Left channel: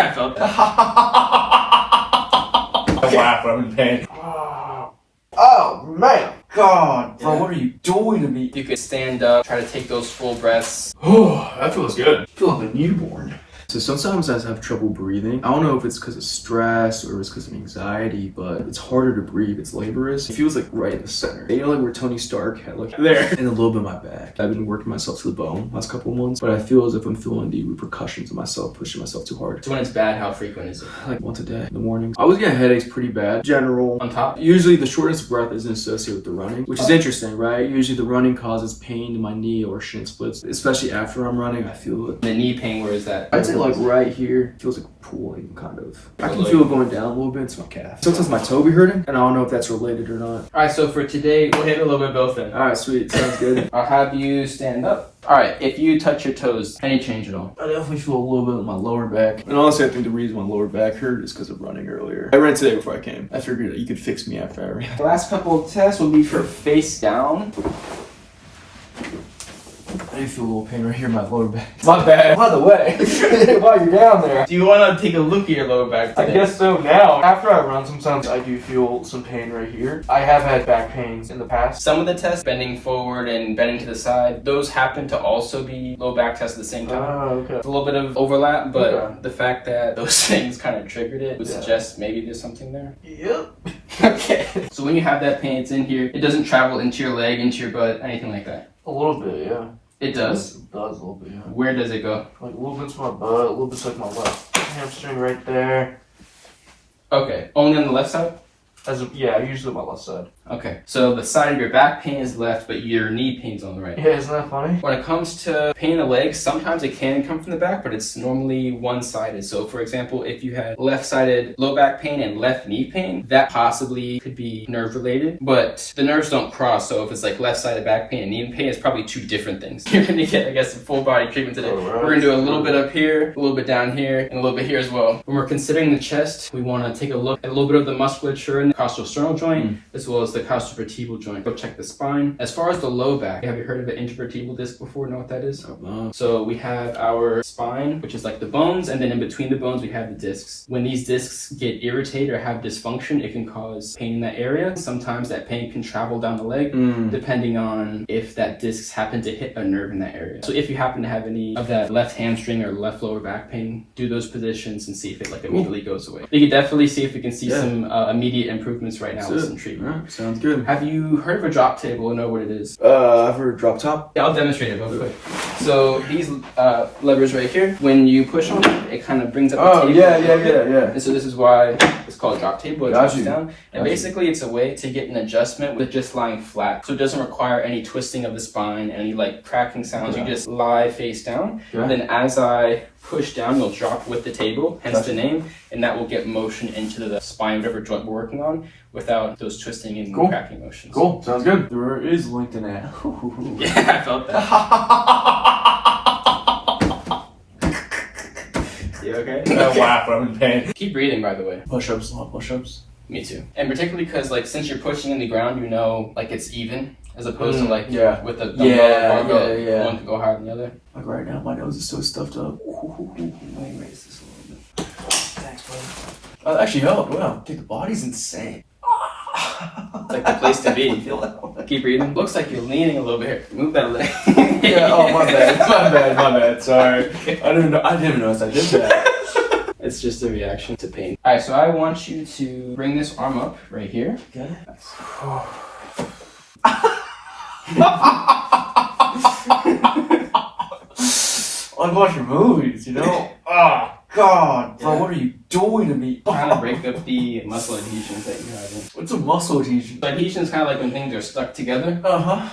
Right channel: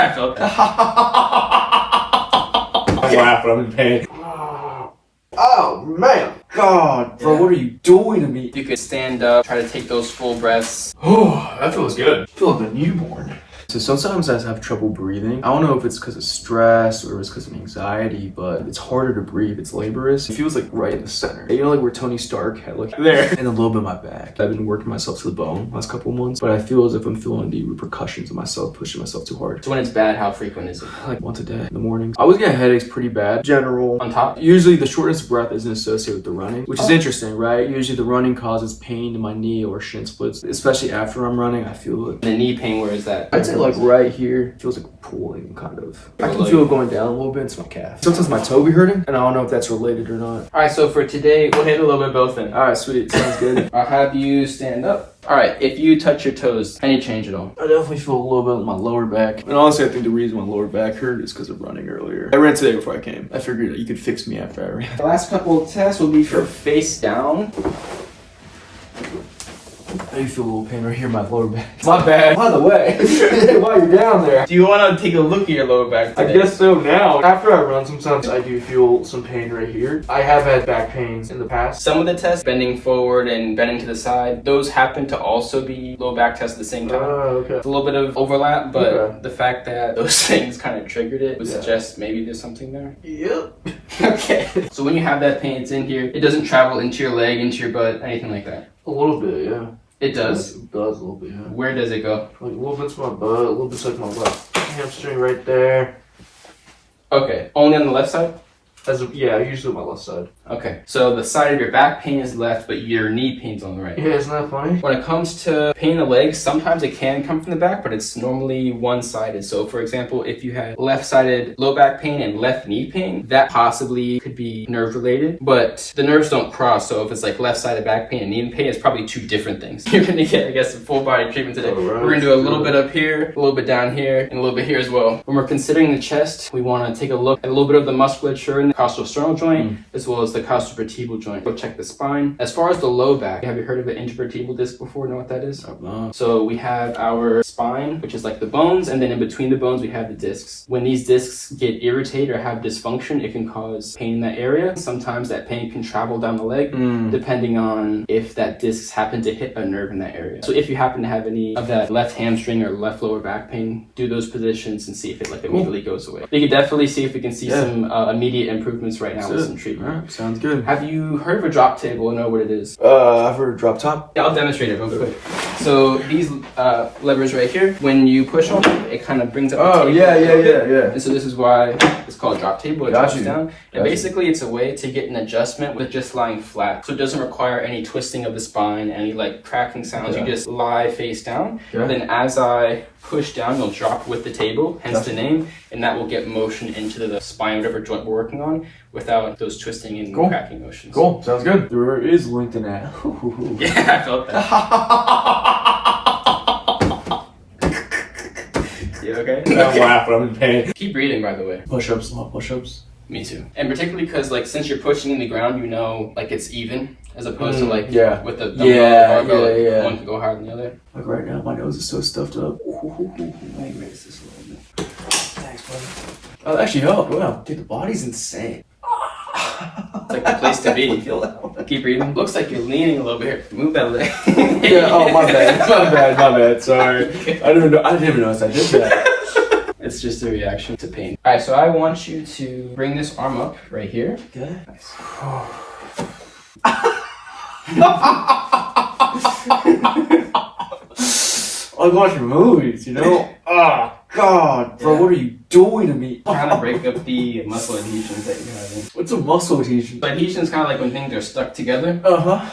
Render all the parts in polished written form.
Yeah, I felt that. I'm laughing, I'm in pain. Oh, man. God, bro, what are you doing to me? You could stand up, try to take those full breaths. Oh, that feels good. I feel like a newborn. So sometimes I have trouble breathing. I don't know if it's because of stress or if it's because of anxiety, but it's harder to breathe. It's laborious. It feels like right in the center. You know, like where Tony Stark had like there. And a little bit of my back. I've been working myself to the bone last couple of months, but I feel as if I'm feeling the repercussions of myself, pushing myself too hard. So when it's bad, how frequent is it? Like once a day in the morning. I always get headaches pretty bad. General. On top? Usually the shortness of breath isn't associated with the running, which is interesting, right? Usually the running causes pain in my knee or shin splits, especially after I'm running. I feel it. The knee pain, where is that? I'd say like right here. Feels like pulling, kind of. I can feel it going down a little bit. It's my calf. Sometimes my toe be hurting, and I don't know if that's related or not. All right, so for today, we'll hit a little bit of both then. All right, sweet. Sounds good. I'll have you stand up. All right, if you touch your toes, any change at all? I definitely feel a little bit in my lower back. And honestly, I think the reason my lower back hurt is because of running earlier. I ran today before I came. I figured that you could fix me after I ran. The last couple of tests will be for face down. I do feel a little pain right here in my lower back. My bad. By the way, while you're down there. Do you want to take a look at your lower back today? I guess so now. After I run, sometimes I do feel some pain right here. I have had back pains in the past. Some of the tests, bending forward and bending to the side, those happen to also be low back tests at the same time. Okay. It's a little bit of overlap, but the fact that those things kind of triggered it would suggest maybe there's something there. Yep. Okay. So when you have that pain, it's in here. It doesn't travel into your leg, into your butt, anything like that. A little bit, yeah. It does? It does a little bit, yeah. Where does it go? Like a little bit's my butt, a little bit's like my left hamstring right there. Okay. Only on the left side? Yeah, usually my left side. Okay. So the side of your back pain is left, but your knee pain's on the right. Yeah, isn't that funny? When it comes to pain in the legs, sometimes it can come from the back, but it's normally one-sided. So for example, if you had left-sided low back pain and left knee pain, that possibly could be nerve-related, but the nerves don't cross. So if it's like left-sided back pain and knee pain, it's probably two different things. You're gonna get, I guess, a full-body treatment today. We're gonna do a little bit up here, a little bit down here, and a little bit here as well. When we're considering the chest, we wanna take a look at a little bit of the musculature in the costosternal joint, as well as the costovertebral joint. We'll check the spine. As far as the low back, have you heard of the intervertebral disc before? Know what that is? So we have our spine, which is like the bones, and then in between the bones, we have the discs. When these discs get irritated or have dysfunction, it can cause pain in that area. Sometimes that pain can travel down the leg, depending on if that discs happen to hit a nerve in that area. So if you happen to have any of that left hamstring or left lower back pain, do those positions and see if it like immediately goes away. We can definitely see if we can see some immediate improvements right now with some treatment. All right, sounds good. Have you heard of a drop table or know what it is? I've heard of drop top. Yeah, I'll demonstrate it real quick. So these levers right here, when you push on it, it kind of brings up the table. Yeah. And so this is why it's called drop table. It drops down. And basically it's a way to get an adjustment with just lying flat. So it doesn't require any twisting of the spine, any like cracking sounds. You just lie face down. Then as I push down, you'll drop with the table, hence the name, and that will get motion into the spine, whatever joint we're working on, without those twisting and cracking motions. Cool, sounds good. There is LinkedIn at. Yeah, I felt that. You okay? I'm laughing, I'm in pain. Keep breathing, by the way. Push-ups, a lot of push-ups. Me too. And particularly because, like, since you're pushing in the ground, you know, like, it's even, as opposed to, like, with the barbell, one could go higher than the other. Like, right now, my nose is so stuffed up. Let me raise this a little bit. Thanks, buddy. Oh, that actually helped. Wow. Dude, the body's insane. It's like the place to be. Keep breathing. Looks like you're leaning a little bit. Move that leg. My bad. Sorry. I didn't even notice I did that. It's just a reaction to pain. All right, so I want you to bring this arm up right here. Okay. I watch movies, you know? Oh, God. Bro, what are you doing to me? Trying to break up the muscle adhesions that you're having. What's a muscle adhesion? So adhesion is kind of like when things are stuck together.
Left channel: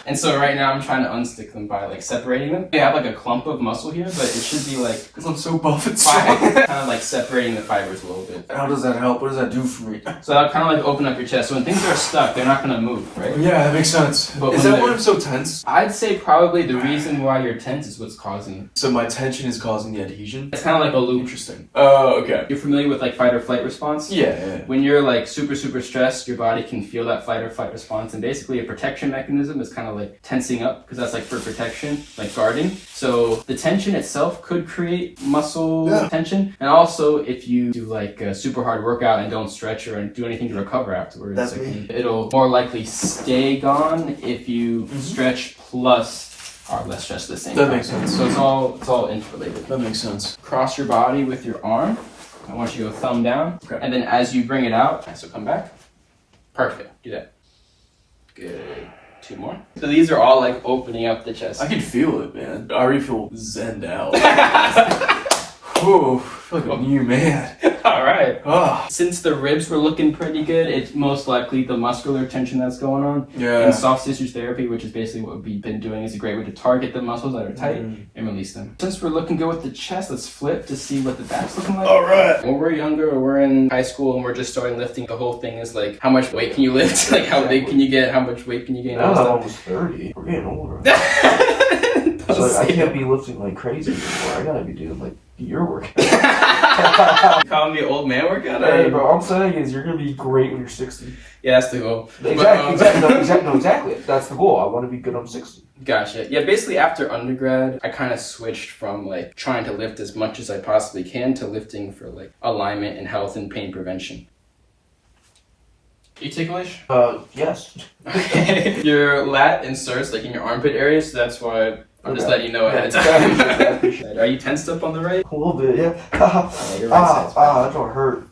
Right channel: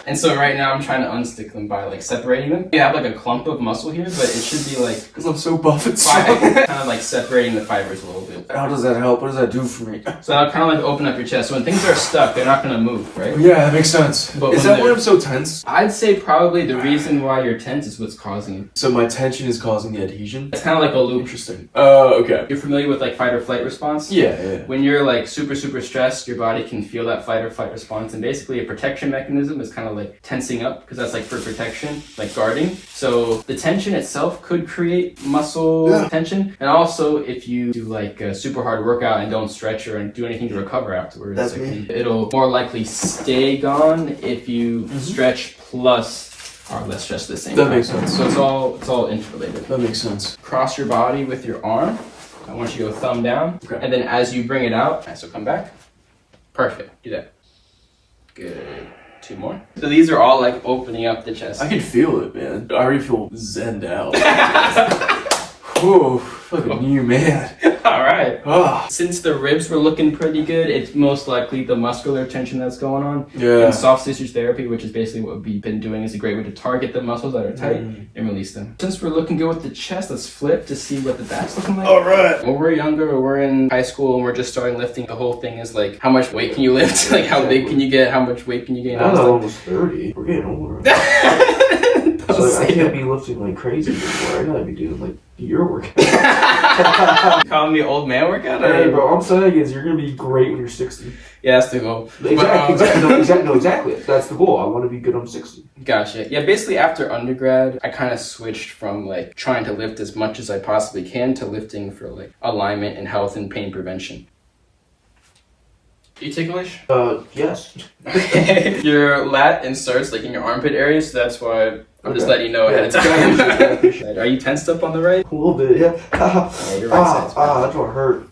And so right now I'm trying to unstick them by like separating them. You have like a clump of muscle here, but it should be like... Because I'm so buff and strong. Kind of like separating the fibers a little bit. How does that help? What does that do for me? So that'll kind of like open up your chest. So when things are stuck, they're not going to move, right? Yeah, that makes sense. But is that why I'm so tense? I'd say probably the reason why you're tense is what's causing it. So my tension is causing the adhesion? It's kind of like a loop. Interesting. Interesting. Okay. You're familiar with like fight or flight response? Yeah. When you're like super stressed, your body can feel that fight or flight response, and basically a protection mechanism is kind of like tensing up, because that's like for protection, like guarding. So the tension itself could create muscle tension, and also if you do like a super hard workout and don't stretch or do anything to recover afterwards, it'll more likely stay gone if you stretch plus are less stressed at the same time. That makes sense. So it's all interrelated. That makes sense. Cross your body with your arm. I want you to go thumb down. Okay. And then as you bring it out, so come back. Perfect. Do that. Good. 2 more. So these are all like opening up the chest. I can feel it, man. I already feel zenned out. Whoa, like a new man. All right. Ah. Since the ribs were looking pretty good, it's most likely the muscular tension that's going on. Yeah. And soft tissue therapy, which is basically what we've been doing, is a great way to target the muscles that are tight and release them. Since we're looking good with the chest, let's flip to see what the back's looking like. All right. When we're younger or we're in high school and we're just starting lifting, the whole thing is like, how much weight can you lift? Like, how big can you get? How much weight can you gain? I'm almost 30. We're getting older. So I can't be lifting like crazy anymore. I gotta be doing like your workout. Calling me old man workout? Hey, bro, I'm saying is you're gonna be great when you're 60. Yeah, that's the goal. Exactly. That's the goal. I want to be good on 60. Gotcha. Yeah, basically after undergrad, I kind of switched from like trying to lift as much as I possibly can to lifting for like alignment and health and pain prevention. You ticklish? Yes. Your lat inserts like in your armpit area, so that's why I'm just letting you know ahead of time. Are you tensed up on the right? A little bit, yeah. Your right side's fine. That don't hurt.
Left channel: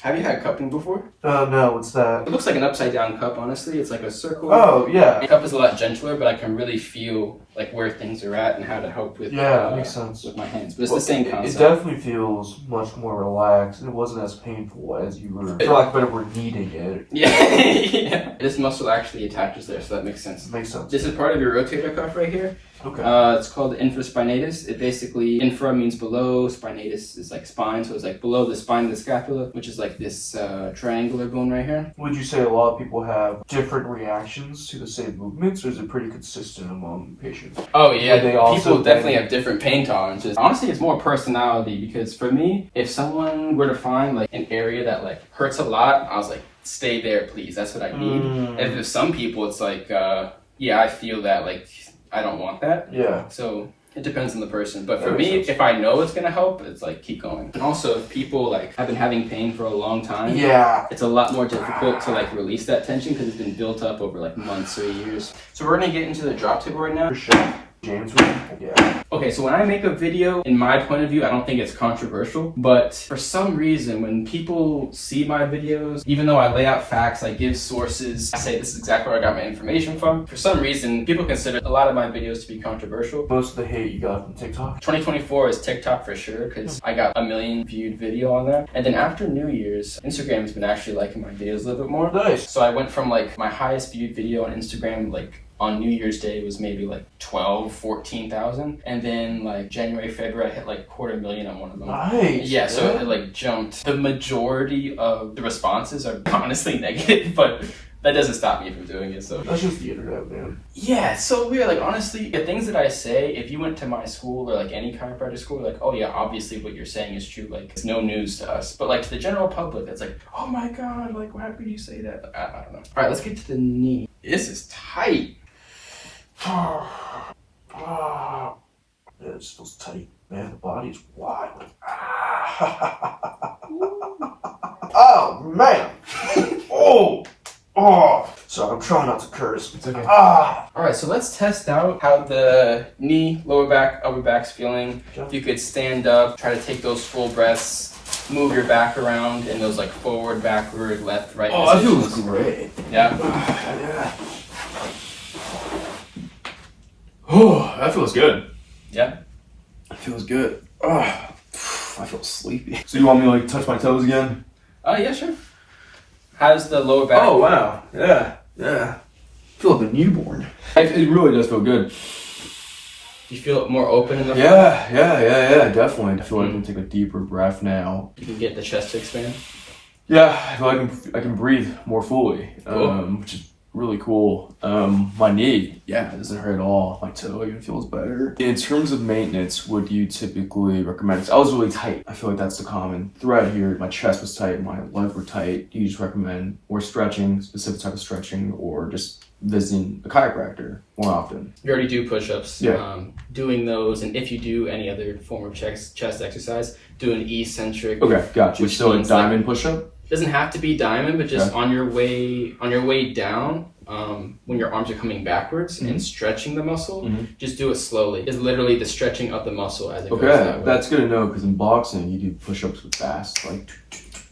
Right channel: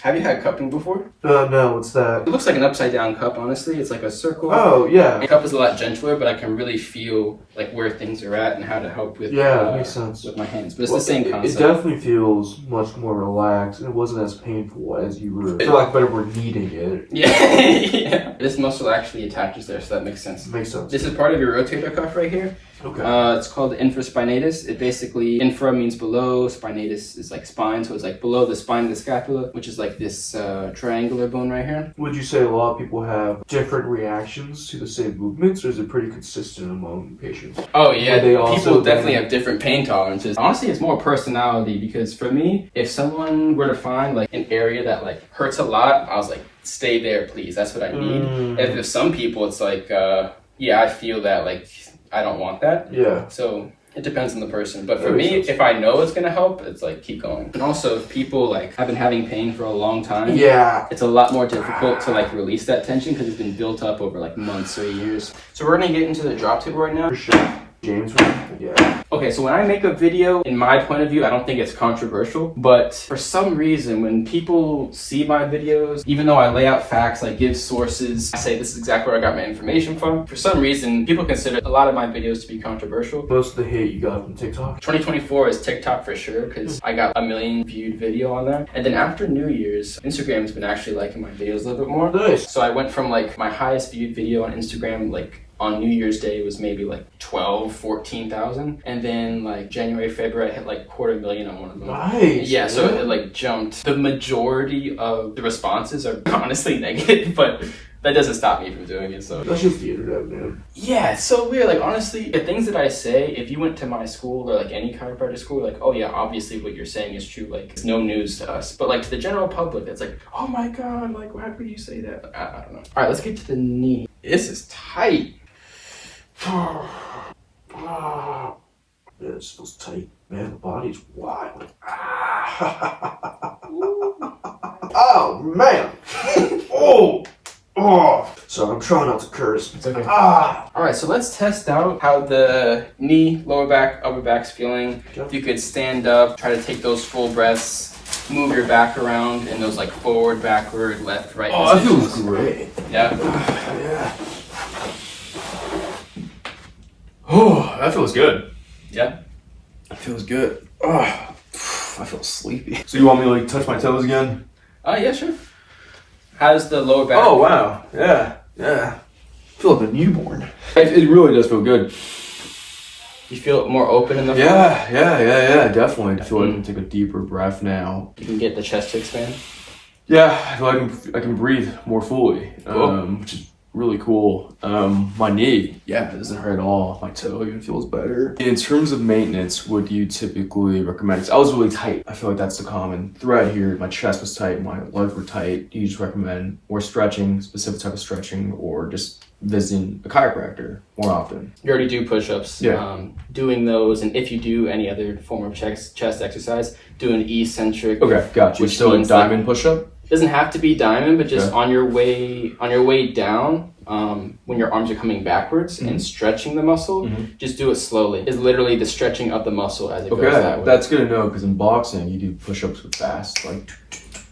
Have you had cupping before? No, what's that? It looks like an upside down cup, honestly. It's like a circle. Oh, yeah. The cup is a lot gentler, but I can really feel like where things are at and how to help with that makes sense. with my hands. But it's the same concept. It definitely feels much more relaxed. It wasn't as painful as you were, for lack of a better word, needing it. Yeah. This muscle actually attaches there, so that makes sense. Makes sense. This is part of your rotator cuff right here. Okay. It's called infraspinatus. It basically, infra means below, spinatus is like spine, so it's like below the spine of the scapula, which is like this triangular bone right here. Would you say a lot of people have different reactions to the same movements, or is it pretty consistent among patients? Oh yeah, people definitely have have different pain tolerances. Honestly, it's more personality, because for me, if someone were to find like an area that like hurts a lot, I was like, stay there, please. That's what I need. If some people, it's like, yeah, I feel that, like, I don't want that. Yeah. So it depends on the person. But for me, if I know it's going to help, it's like, keep going. And also, if people like have been having pain for a long time, it's a lot more difficult to like release that tension because it's been built up over like months or years. So we're going to get into the drop tip right now. For sure. James, yeah. Okay, so when I make a video, in my point of view, I don't think it's controversial, but for some reason, when people see my videos, even though I lay out facts, I give sources, I say this is exactly where I got my information from, for some reason, people consider a lot of my videos to be controversial. Most of the hate you got from TikTok? 2024 is TikTok for sure, because I got 1 million viewed video on there. And then after New Year's, Instagram's been actually liking my videos a little bit more. Nice. So I went from like my highest viewed video on Instagram, like on New Year's Day was maybe like 14,000, and then like January, February, I hit like 250,000 on one of them. Nice. Yeah, so it like jumped. The majority of the responses are honestly negative, but that doesn't stop me from doing it. So that's just the internet, man. Yeah, it's so weird. Like honestly, the things that I say, if you went to my school or like any chiropractic school, like, oh yeah, obviously what you're saying is true. Like it's no news to us. But like to the general public, it's like, oh my god, like how could you say that? Like, I don't know. All right, let's get to the knee. This is tight. Yeah, it feels tight, man. The body's wild. Oh man. So I'm trying not to curse. It's okay. All right, so let's test out how the knee, lower back, upper back's feeling. If you could stand up, try to take those full breaths, move your back around in those like forward, backward, left, right positions. That feels great. Yeah. Yeah. Oh, that feels good. Yeah. That feels good. Oh, I feel sleepy. So you want me to like touch my toes again? Oh, yeah, sure. How's the lower back? Oh, wow. Yeah. I feel like a newborn. It really does feel good. You feel more open in the front? Yeah, definitely. I feel like I can take a deeper breath now. You can get the chest to expand? Yeah, I feel like I can breathe more fully, Cool. which is really cool. My knee, yeah, it doesn't hurt at all. My toe even feels better. In terms of maintenance, what do you typically recommend? 'Cause I was really tight. I feel like that's the common thread here. My chest was tight, my legs were tight. Do you just recommend more stretching, specific type of stretching, or just visiting a chiropractor more often? You already do push-ups. Yeah. Doing those, and if you do any other form of chest exercise, do an eccentric. Okay, got you. Which So a means, diamond push-up? Doesn't have to be diamond, but just Okay. on your way down, when your arms are coming backwards and stretching the muscle, just do it slowly. It's literally the stretching of the muscle as it goes that Okay, way. that's good to know because in boxing you do push-ups with fast, like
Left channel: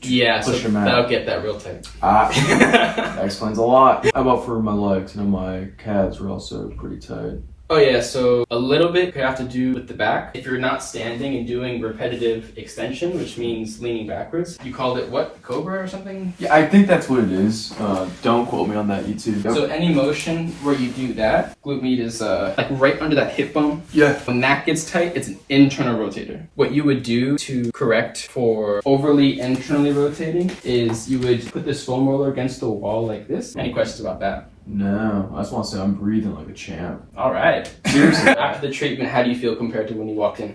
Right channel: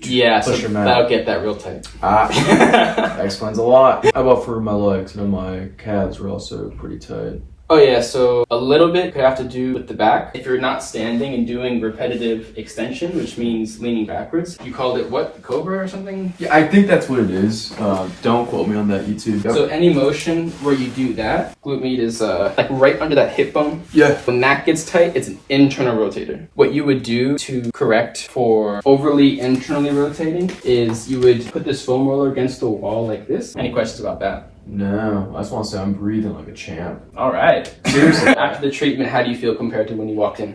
Yeah, push so them out. that'll get that real tight. That explains a lot. How about for my legs? I know my calves are also pretty tight. Oh yeah, so a little bit could have to do with the back. If you're not standing and doing repetitive extension, which means leaning backwards, you called it what? Cobra or something? Yeah, I think that's what it is. Don't quote me on that, YouTube. So any motion where you do that, glute med is like right under that hip bone. Yeah. When that gets tight, it's an internal rotator. What you would do to correct for overly internally rotating is you would put this foam roller against the wall like this. Any questions about that? No, I just want to say I'm breathing like a champ. All right. Seriously. After the treatment, how do you feel compared to when you walked in?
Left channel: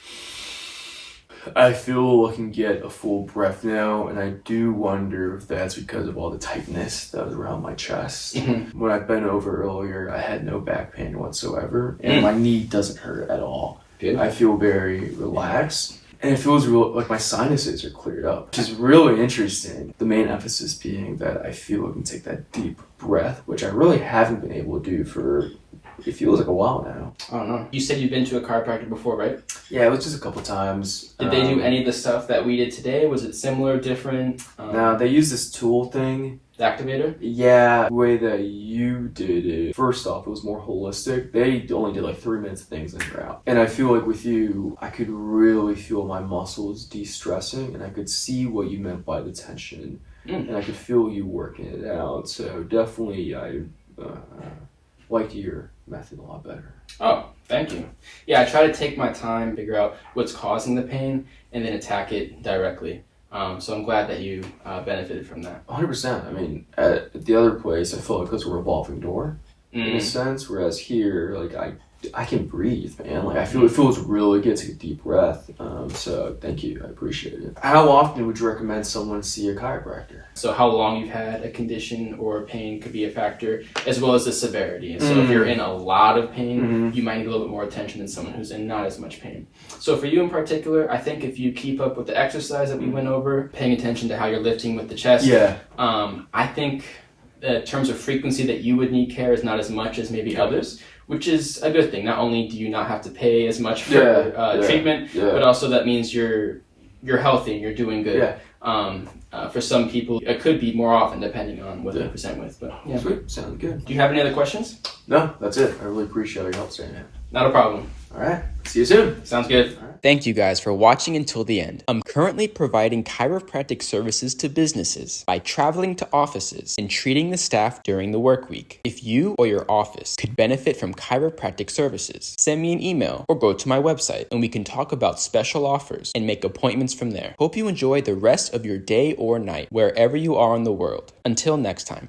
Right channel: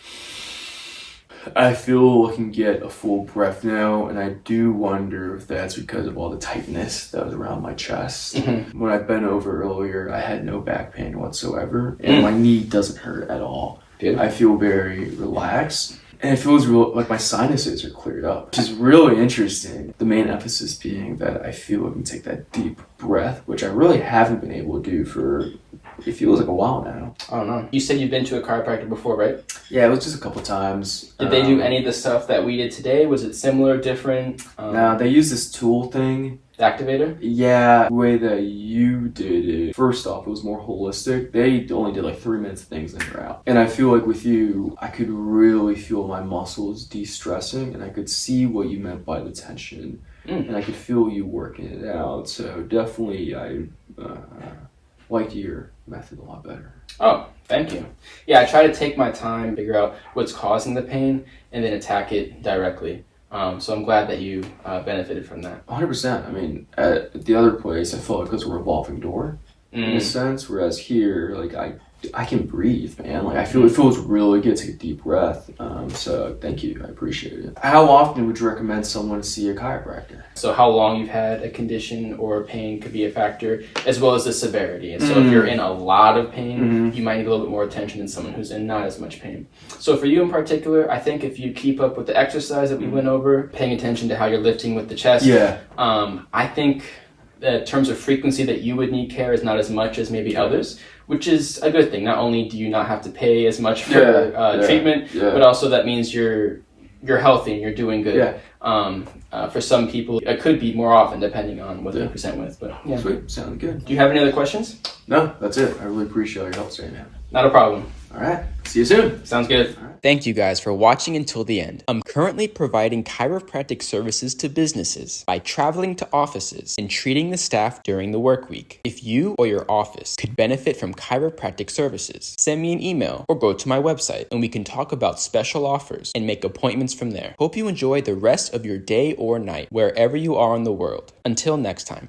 I feel I can get a full breath now, and I do wonder if that's because of all the tightness that was around my chest. When I bent over earlier, I had no back pain whatsoever, and my knee doesn't hurt at all. Good. I feel very relaxed. And it feels real like my sinuses are cleared up, which is really interesting. The main emphasis being that I feel I can take that deep breath, which I really haven't been able to do for, it feels like a while now. Oh no. You said you've been to a chiropractor before, right? Yeah, it was just a couple times. Did they do any of the stuff that we did today? Was it similar, different? No, they use this tool thing. Activator? Yeah, the way that you did it, first off, it was more holistic. They only did like 3 minutes of things and you're out. And I feel like with you, I could really feel my muscles de-stressing, and I could see what you meant by the tension. And I could feel you working it out. So definitely I liked your method a lot better. Oh, thank you. Yeah, I try to take my time, figure out what's causing the pain, and then attack it directly. So I'm glad that you benefited from that. 100%. I mean, at the other place, I felt like it was a revolving door in a sense, whereas here, like I can breathe, man. Like I feel it feels really good to take a deep breath. So thank you, I appreciate it. How often would you recommend someone see a chiropractor? So how long you've had a condition or pain could be a factor, as well as the severity. And so if you're in a lot of pain, you might need a little bit more attention than someone who's in not as much pain. So for you in particular, I think if you keep up with the exercise that we went over, paying attention to how you're lifting with the chest, I think in terms of frequency that you would need care is not as much as maybe others, which is a good thing. Not only do you not have to pay as much for treatment, but also that means you're healthy and you're doing good. For some people, it could be more often depending on what they present with. But yeah. Sweet, sounds good. Do you have any other questions? No, that's it. I really appreciate your help today, man. Not a problem. All right, see you soon. Sounds good. Thank you guys for watching until the end. I'm currently providing chiropractic services to businesses by traveling to offices and treating the staff during the work week. If you or your office could benefit from chiropractic services, send me an email or go to my website and we can talk about special offers and make appointments from there. Hope you enjoy the rest of your day or night wherever you are in the world. Until next time.